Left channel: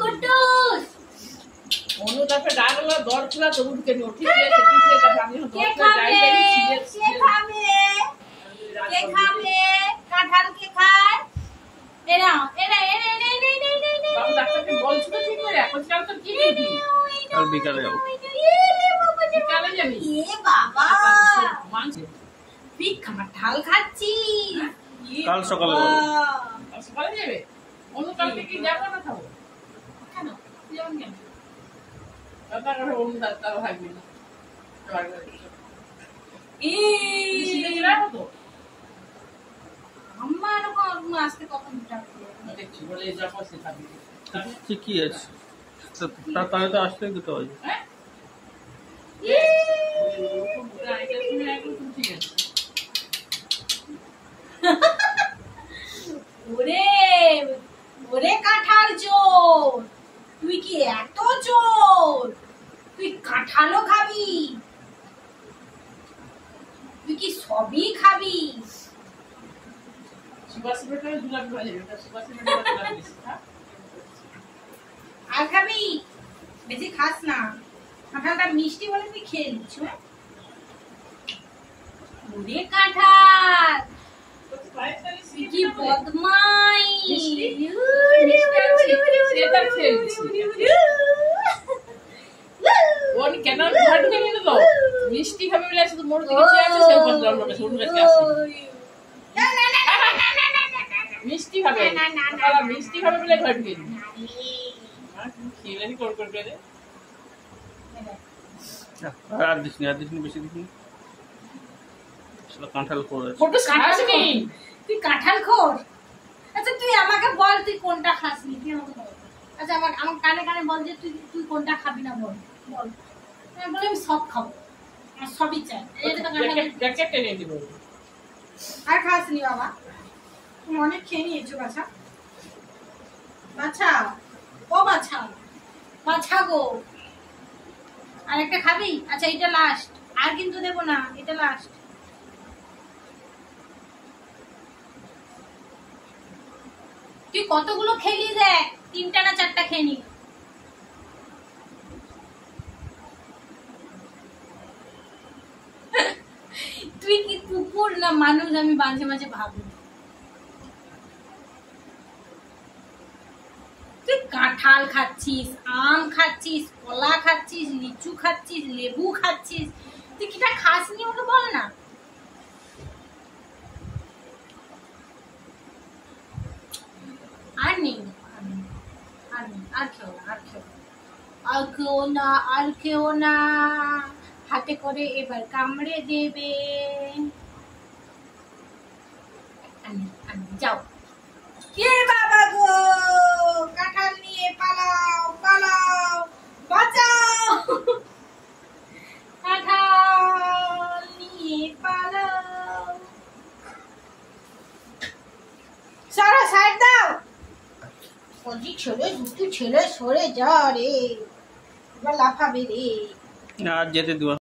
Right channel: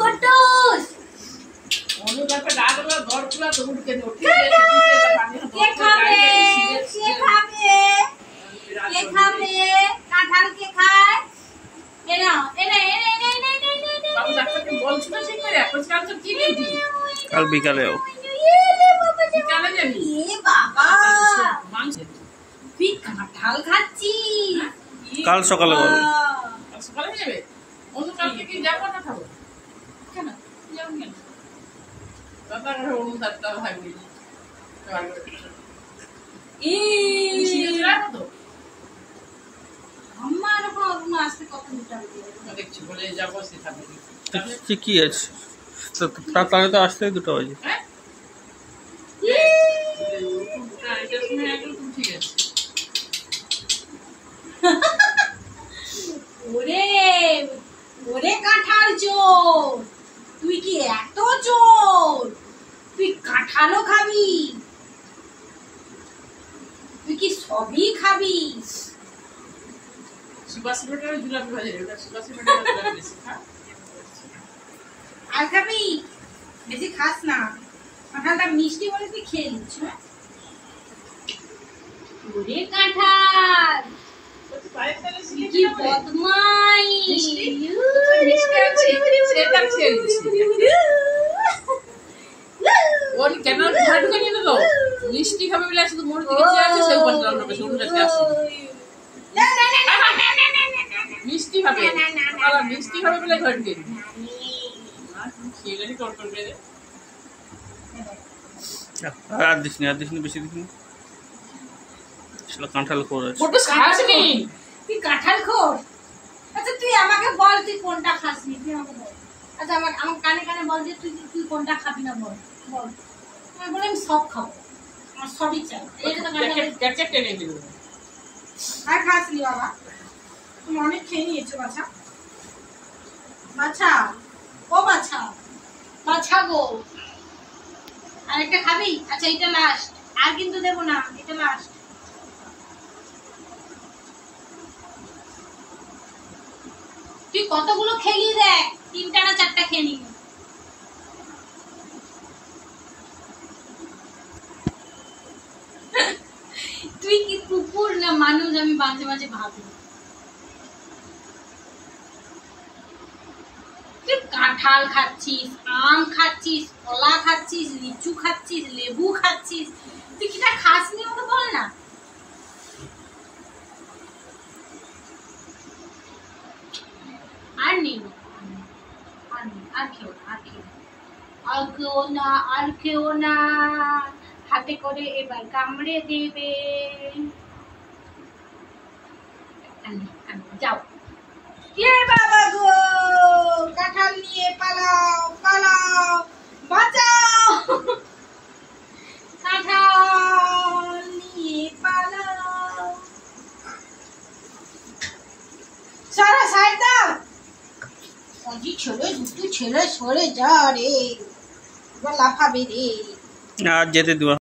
কুটুস অনুদান पे डालला दौड़ खुला तो उठ के उठी से पानी हम কে খাবে কাঁঠাল কে খায় এরা বাবু ডাক্তারকে বলছিল ঠিক করে এখন কাল তো কি ডিউটি কাল বিকালে যাও বিকালে যাবি এ বাবা মাংস তুই কাঁঠাল খাচ্ছিস কাল সকালে বলে সকালে যাবে অন্য কালকে কি যাবো না খাবো কেন যাবো কেন দাদা করে অনুদান দাও ভাই বলি সিরিয়াস রাখো তো আমার কোনো আসতে কখন দিতে হবে দেখছি বলে যাবো সে খাবে কি আছে তাহলে তো আসতে 2টা বাজে হ্যাঁ ঠিক আছে ওরে ওরে কাঁঠাল চোর তুই কি এত চোর তুই কাঁঠালও খাবি তুই কি সবই খাবি সুভাষ বেটার ঝুলাপি ভাজে ওটা সুভাষ বেটার ঝুলাপি বেশি খা আর খাবি বেশি খাস না কাঁঠালটা মিষ্টি বলে তুই খেয়ে নিচ্ছ ওরে কাঁঠাল কি বদমাই কেন ঘর ঢুকে নিয়ে তো মিষ্টি খাবে বলে শুধু মোড় দিকে চেয়ে আছে সেই বলল লোকে শুরু কাছে আসে মিষ্টি খাবে মিষ্টি খাবে বলে ঘর ঢুকে নি খেয়ে কর করে দে আর দিসনি বেশি দিসনি কাঁঠাল খোর আছে ফটো খাসনি তুই কাঁঠাল খোর আচ্ছা তুই আমাকে বল তুই কোনটা খাসনি তুই আমাকে বল আচ্ছা আমাকে কানে কানে বল যে তুই কোনটা খাবি না বল আমি বলে আমি সব খাবো আমার সবই চাই এটা তো প্যাকেট টেনে দিল আর খাসনি বাবা তুমি অনেক খেয়ে নিয়েছো বাছা বাছা ও বাছা বাছা গো আরেকটা খাবি আচ্ছা এটা লাস্ট আর কিন্তু দেব না এটা লাস্ট তুই কতগুলো খেলি দেখ 3টা না 4টা খেয়ে নি তুই কি কুকুর না মানুষ আমি মাঝে মাঝে ভাবি তুই কাঁঠাল খাচ্ছিস আম খাচ্ছিস কলা খাচ্ছিস লিচু খাচ্ছিস লেবু খাচ্ছিস তুই কিটা খাসনি আমাকে বল না আর নেই আর খেও না হাতে করে এবার কামড়ে দেবে যাও কে বাবা গো কাঁঠাল নিয়ে পালাও বাঁচাও কাঁঠাল নিয়ে পালাও সারা সাইড দাও অজি ছেলে দুটো ছেলে সরে যা রে এবার লাফাবে রে আর যেতে দিবা